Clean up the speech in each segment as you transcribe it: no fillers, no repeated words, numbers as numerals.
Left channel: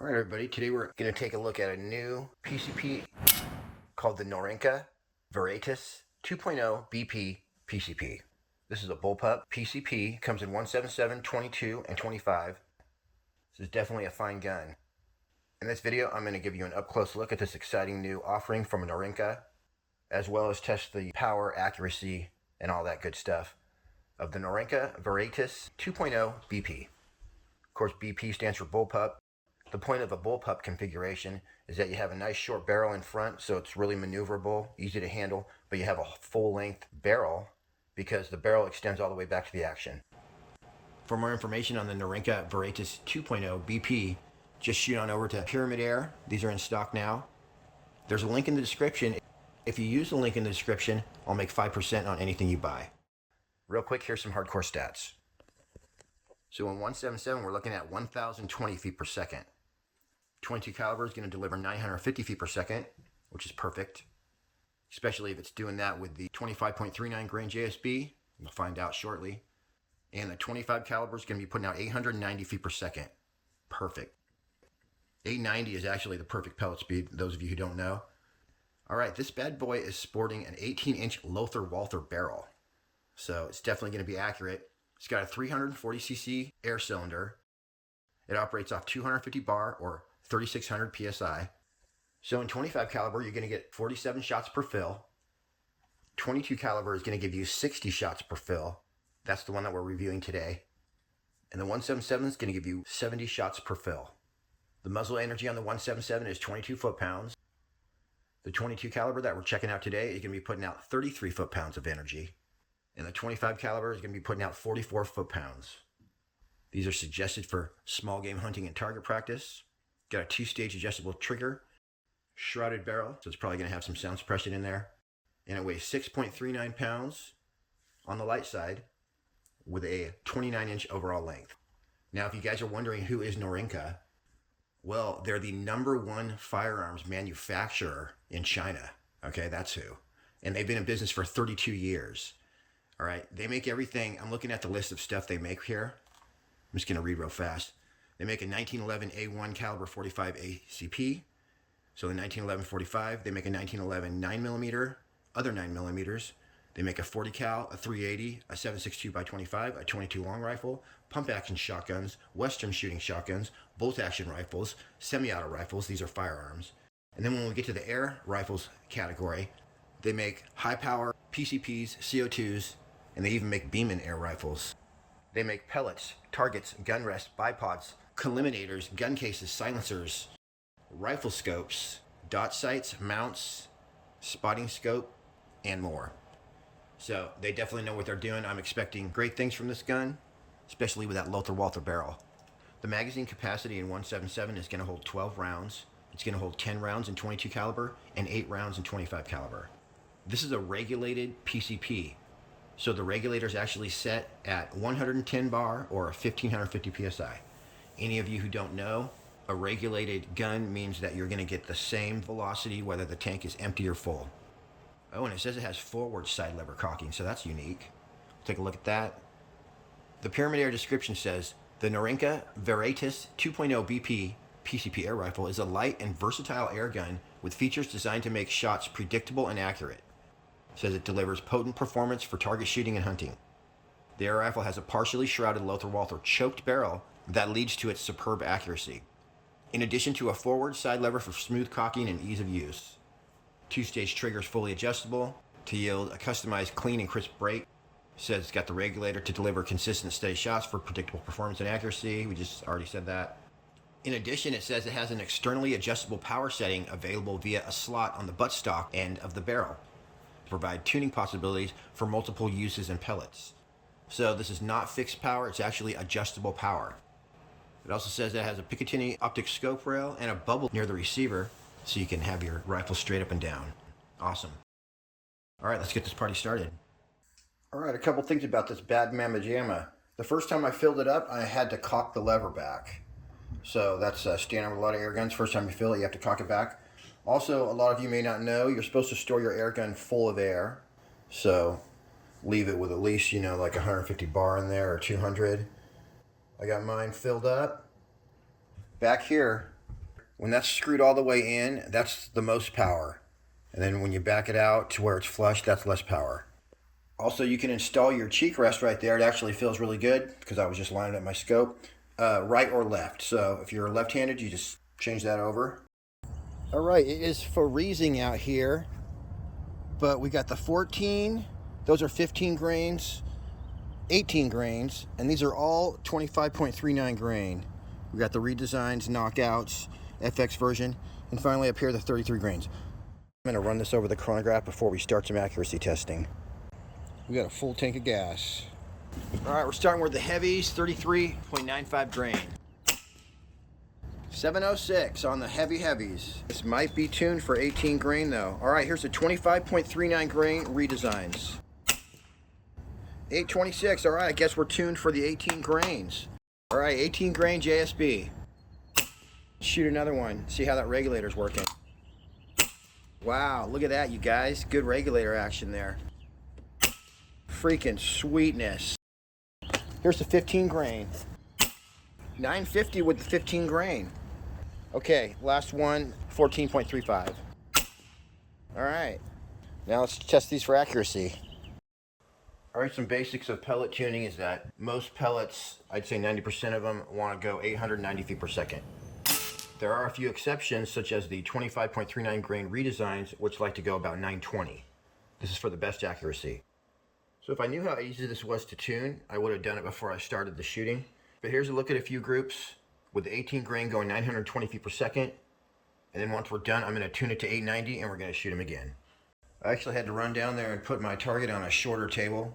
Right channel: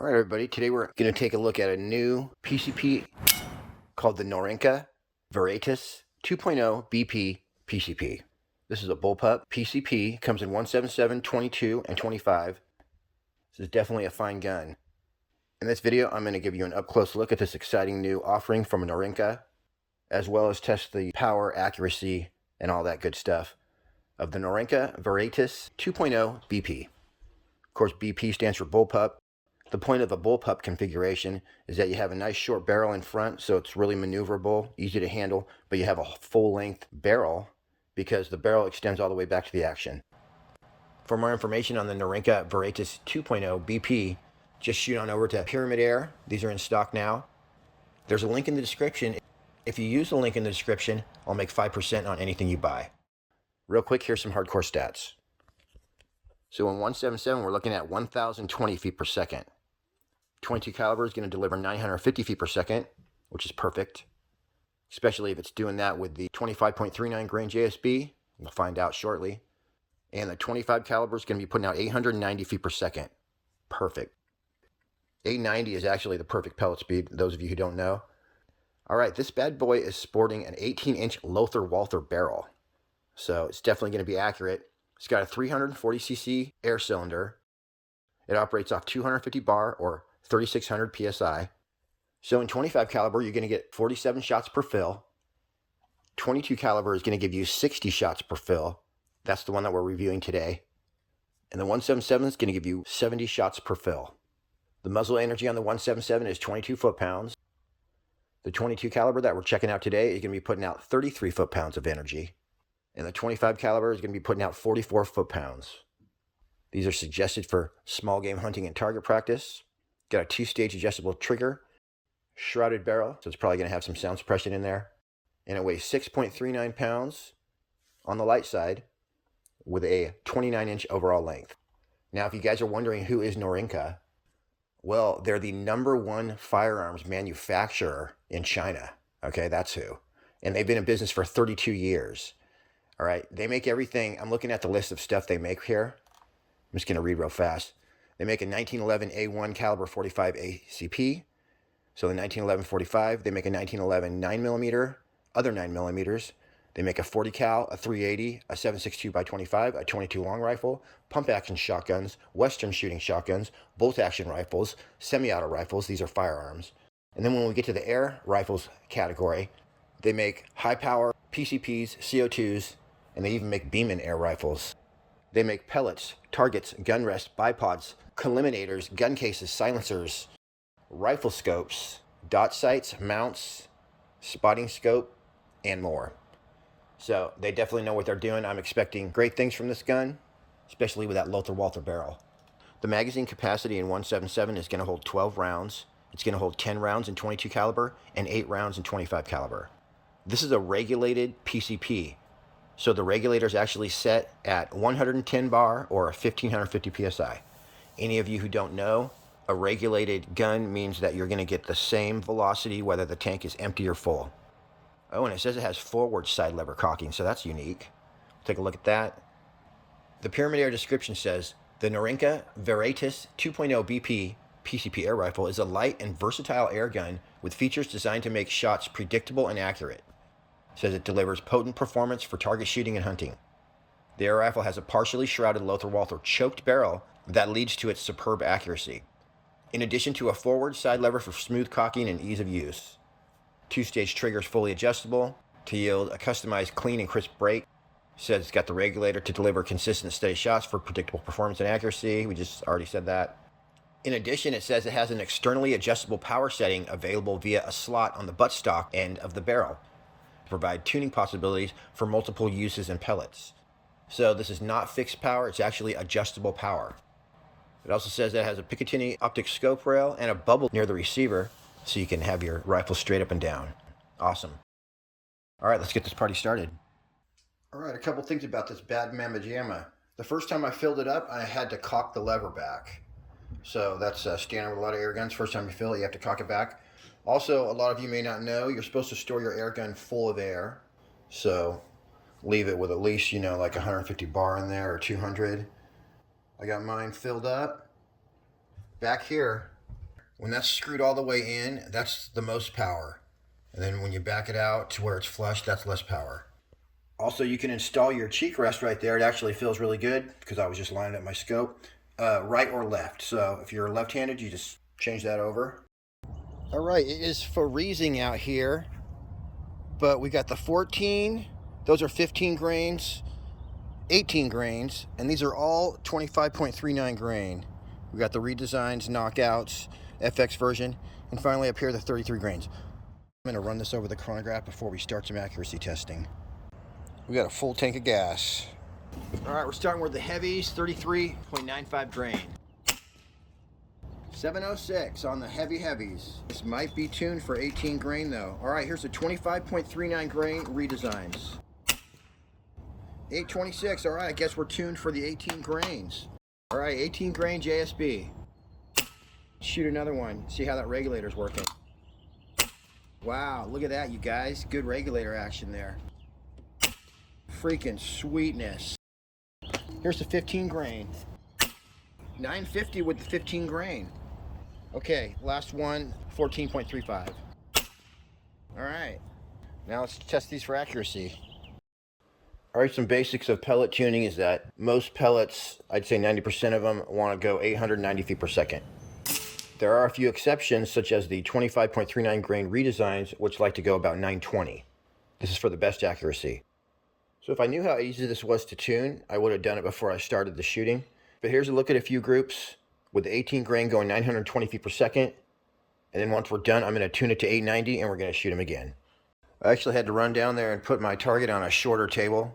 All right, everybody. Today we're going to take a look at a new PCP called the Norica Viriatus 2.0 BP PCP. This is a Bullpup PCP. Comes in 177, 22, and 25. This is definitely a fine gun. In this video, I'm going to give you an up-close look at this exciting new offering from Norica, as well as test the power, accuracy, and all that good stuff of the Norica Viriatus 2.0 BP. Of course, BP stands for Bullpup. The point of a bullpup configuration is that you have a nice short barrel in front, so it's really maneuverable, easy to handle, but you have a full-length barrel because the barrel extends all the way back to the action. For more information on the Norica Viriatus 2.0 BP, just shoot on over to Pyramid Air. These are in stock now. There's a link in the description. If you use the link in the description, I'll make 5% on anything you buy. Real quick, here's some hardcore stats. So in 177, we're looking at 1,020 feet per second. 22 caliber is going to deliver 950 feet per second, which is perfect, especially if it's doing that with the 25.39 grain JSB. We'll find out shortly. And the 25 caliber is going to be putting out 890 feet per second. Perfect. 890 is actually the perfect pellet speed, those of you who don't know. All right, this bad boy is sporting an 18-inch Lothar-Walther barrel, so it's definitely going to be accurate. It's got a 340cc air cylinder. It operates off 250 bar or 3,600 psi. So in 25 caliber, you're going to get 47 shots per fill. 22 caliber is going to give you 60 shots per fill. That's the one that we're reviewing today. And the 177 is going to give you 70 shots per fill. The muzzle energy on the 177 is 22 foot-pounds. The 22 caliber that we're checking out today is going to be putting out 33 foot-pounds of energy. And the 25 caliber is going to be putting out 44 foot-pounds. These are suggested for small game hunting and target practice. Got a 2-stage adjustable trigger, shrouded barrel, so it's probably going to have some sound suppression in there. And it weighs 6.39 pounds on the light side with a 29-inch overall length. Now, if you guys are wondering who is Norica, well, they're the #1 firearms manufacturer in China. Okay, that's who. And they've been in business for 32 years. All right, they make everything. I'm looking at the list of stuff they make here. I'm just going to read real fast. They make a 1911 A1 caliber 45 ACP. So the 1911 45. They make a 1911 9mm, other 9mm. They make a 40 cal, a 380, a 7.62 by 25, a 22 long rifle, pump action shotguns, Western shooting shotguns, bolt action rifles, semi-auto rifles. These are firearms. And then when we get to the air rifles category, they make high power PCPs, CO2s, and they even make Beeman air rifles. They make pellets, targets, gun rest, bipods, colliminators, gun cases, silencers, rifle scopes, dot sights, mounts, spotting scope, and more. So they definitely know what they're doing. I'm expecting great things from this gun, especially with that Lothar-Walther barrel. The magazine capacity in 177 is going to hold 12 rounds. It's going to hold 10 rounds in 22 caliber and 8 rounds in 25 caliber. This is a regulated PCP. So the regulator is actually set at 110 bar or 1550 psi. Any of you who don't know, a regulated gun means that you're going to get the same velocity whether the tank is empty or full. Oh, and it says it has forward side lever cocking, so that's unique. Take a look at that. The Pyramid Air description says, the Norica Viriatus 2.0 BP PCP air rifle is a light and versatile air gun with features designed to make shots predictable and accurate. It says it delivers potent performance for target shooting and hunting. The air rifle has a partially shrouded Lothar-Walther choked barrel that leads to its superb accuracy, in addition to a forward side lever for smooth cocking and ease of use. 2-stage trigger is fully adjustable to yield a customized clean and crisp break. It says it's got the regulator to deliver consistent steady shots for predictable performance and accuracy. We just already said that. In addition, it says it has an externally adjustable power setting available via a slot on the buttstock end of the barrel to provide tuning possibilities for multiple uses and pellets. So this is not fixed power, it's actually adjustable power. It also says that it has a Picatinny optic scope rail and a bubble near the receiver so you can have your rifle straight up and down. Awesome. All right, let's get this party started. All right, a couple things about this bad mamma jamma. The first time I filled it up, I had to cock the lever back. So that's standard with a lot of air guns. First time you fill it, you have to cock it back. Also, a lot of you may not know, you're supposed to store your air gun full of air. So leave it with at least, like 150 bar in there or 200. I got mine filled up. Back here, When that's screwed all the way in, that's the most power. And then when you back it out to where it's flush, that's less power. Also, you can install your cheek rest right there. It actually feels really good because I was just lining up my scope. Right or left. So if you're left-handed, you just change that over. All right, it is freezing out here, but we got the 14. Those are 15 grains, 18 grains, and these are all 25.39 grain. We got the redesigns, knockouts, FX version, and finally up here the 33 grains. I'm gonna run this over the chronograph before we start some accuracy testing. We got a full tank of gas. All right, we're starting with the heavies, 33.95 grain. 706 on the heavies. This might be tuned for 18 grain though. All right, here's the 25.39 grain redesigns. 826, all right, I guess we're tuned for the 18 grains. All right, 18 grain JSB. Shoot another one, see how that regulator's working. Wow, look at that, you guys. Good regulator action there. Freaking sweetness. Here's the 15 grain. 950 with the 15 grain. Okay, last one, 14.35. All right, now let's test these for accuracy. All right, some basics of pellet tuning is that most pellets, I'd say 90% of them, want to go 890 feet per second. There are a few exceptions, such as the 25.39 grain redesigns, which like to go about 920. This is for the best accuracy. So if I knew how easy this was to tune, I would have done it before I started the shooting. But here's a look at a few groups with the 18 grain going 920 feet per second. And then once we're done, I'm going to tune it to 890 and we're going to shoot them again. I actually had to run down there and put my target on a shorter table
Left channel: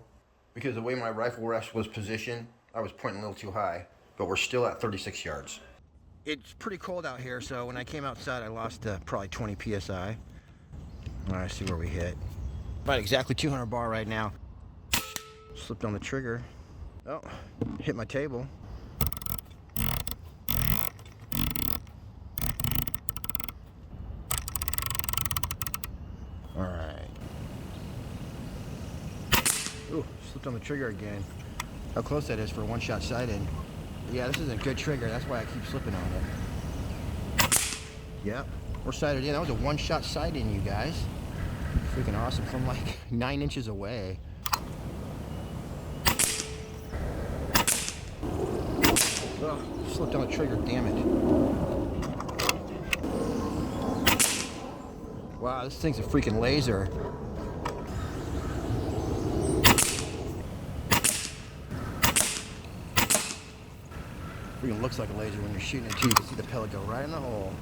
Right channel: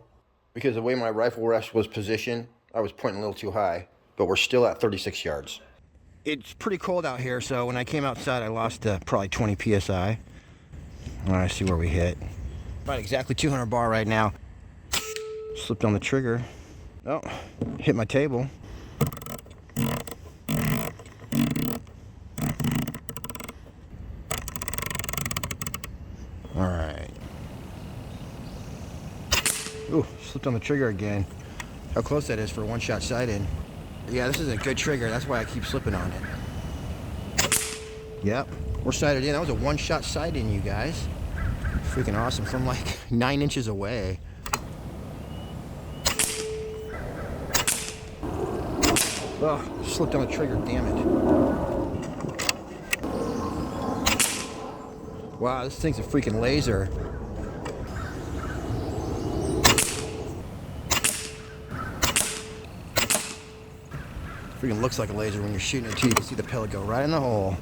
because the way my rifle rest was positioned, I was pointing a little too high, but we're still at 36 yards. It's pretty cold out here, so when I came outside, I lost probably 20 PSI. All right, see where we hit. About exactly 200 bar right now. Slipped on the trigger. Oh, hit my table. All right. Ooh, slipped on the trigger again. How close that is for a one-shot sight-in. Yeah, this is a good trigger. That's why I keep slipping on it. Yep, we're sighted in. That was a one-shot sight-in, you guys. Freaking awesome from like 9 inches away. Oh, slipped on the trigger, damn it. Wow, this thing's a freaking laser. Freaking looks like a laser when you're shooting it too. You can see the pellet go right in the hole.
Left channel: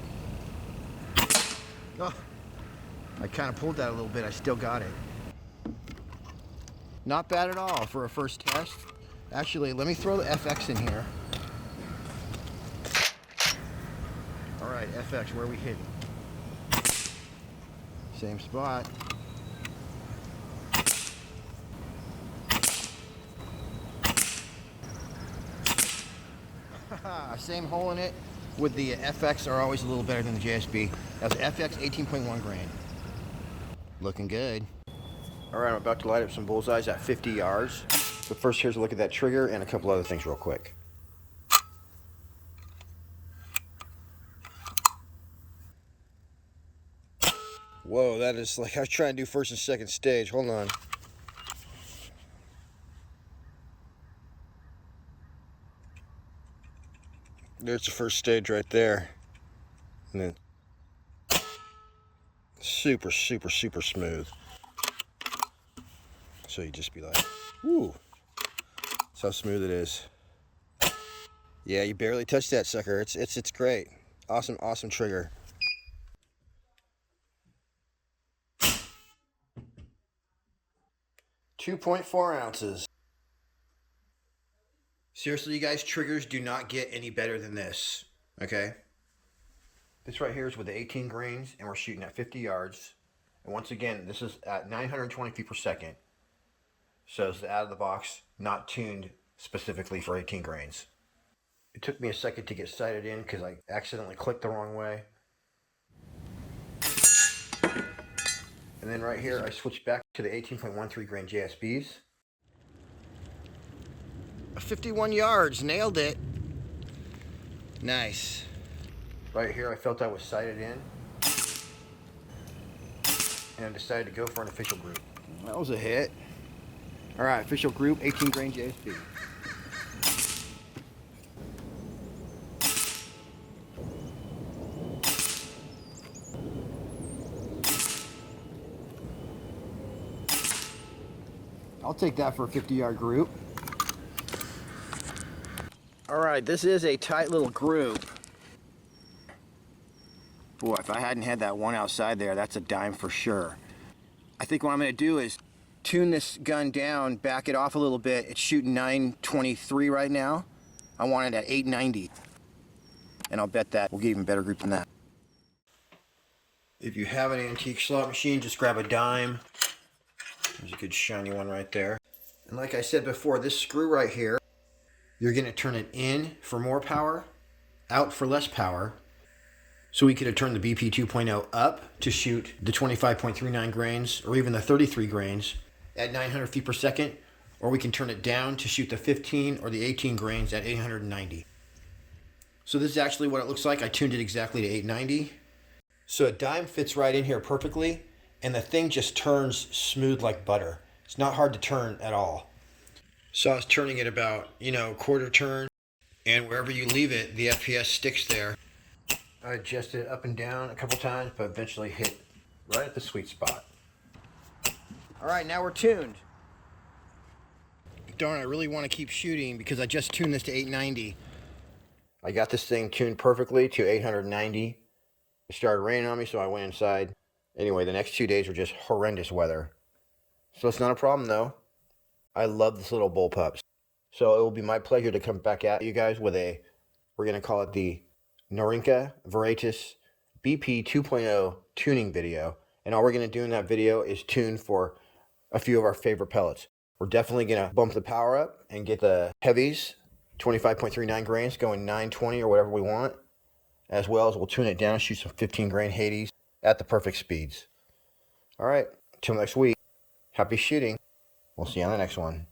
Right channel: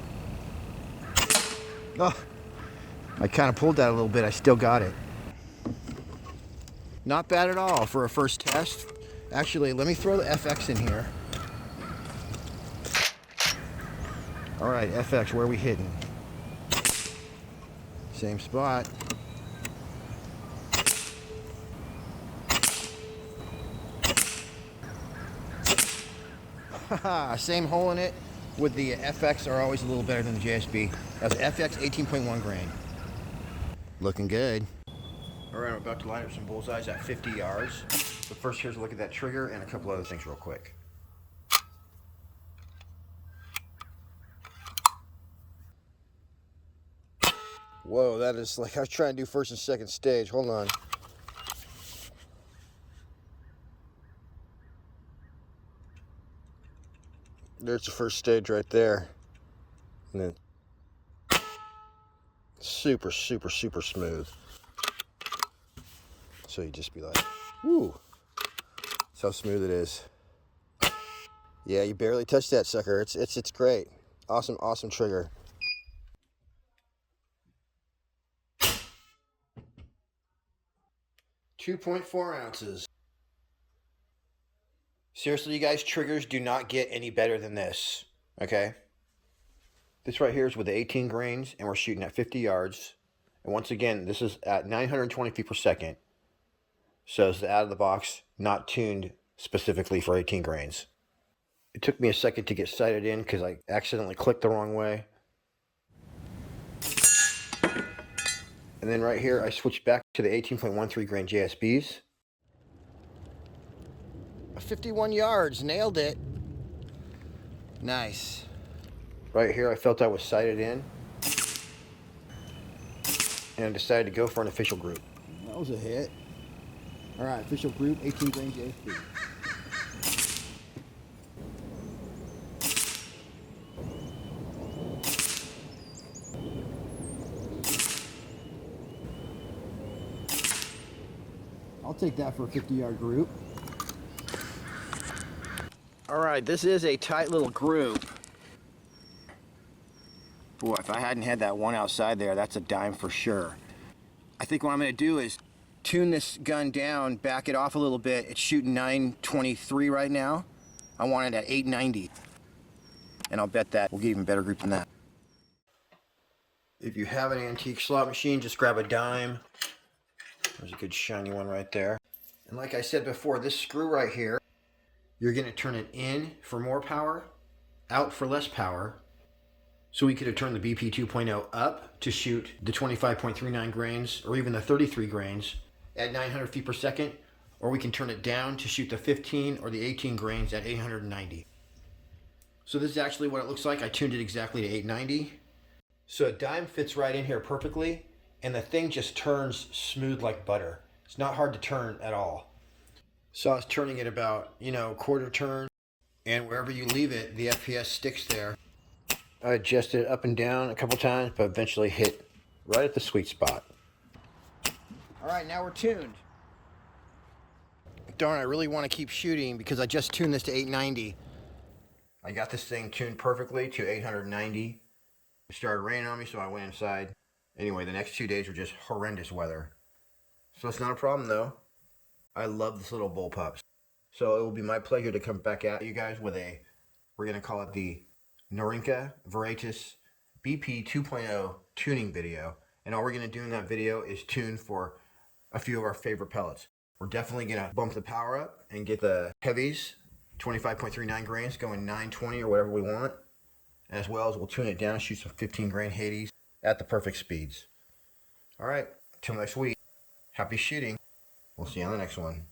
Oh, I kind of pulled that a little bit. I still got it. Not bad at all for a first test. Actually, let me throw the FX in here. All right, FX, where are we hitting? Same spot. Same hole in it. With the FX are always a little better than the JSB. That was FX 18.1 grain. Looking good. All right, I'm about to light up some bullseyes at 50 yards. But first, here's a look at that trigger and a couple other things real quick. Whoa, that is like I was trying to do first and second stage. Hold on. There's the first stage right there. And then super, super, super smooth. So you just be like, whoo. That's how smooth it is. Yeah, you barely touched that sucker. It's great. Awesome, awesome trigger. .4 ounces. Seriously, you guys, triggers do not get any better than this, okay? This right here is with the 18 grains, and we're shooting at 50 yards. And once again, this is at 920 feet per second. So it's out of the box, not tuned specifically for 18 grains. It took me a second to get sighted in because I accidentally clicked the wrong way. And then right here, I switched back to the 18.13 grain JSBs. 51 yards, nailed it. Nice. Right here, I felt I was sighted in, and I decided to go for an official group. That was a hit. All right, official group, 18 grain JSP. I'll take that for a 50-yard group. All right, this is a tight little group. Boy, if I hadn't had that one outside there, that's a dime for sure. I think what I'm gonna do is tune this gun down, back it off a little bit. It's shooting 923 right now. I want it at 890. And I'll bet that we'll get even better group than that. If you have an antique slot machine, just grab a dime. There's a good shiny one right there. And like I said before, this screw right here, you're gonna turn it in for more power, out for less power. So we could have turned the BP 2.0 up to shoot the 25.39 grains or even the 33 grains at 900 feet per second, or we can turn it down to shoot the 15 or the 18 grains at 890. So this is actually what it looks like. I tuned it exactly to 890. So a dime fits right in here perfectly, and the thing just turns smooth like butter. It's not hard to turn at all. So I was turning it about, quarter turn, and wherever you leave it, the FPS sticks there. I adjusted it up and down a couple times, but eventually hit right at the sweet spot. All right, now we're tuned. Darn, I really want to keep shooting because I just tuned this to 890. I got this thing tuned perfectly to 890. It started raining on me, so I went inside. Anyway, the next 2 days were just horrendous weather. So it's not a problem, though. I love this little bullpup. So it will be my pleasure to come back at you guys with we're going to call it the Norica Viriatus BP 2.0 tuning video. And all we're going to do in that video is tune for a few of our favorite pellets. We're definitely going to bump the power up and get the heavies, 25.39 grains, going 920 or whatever we want. As well as we'll tune it down, shoot some 15 grain Hades at the perfect speeds. All right, till next week. Happy shooting. We'll see you on the next one.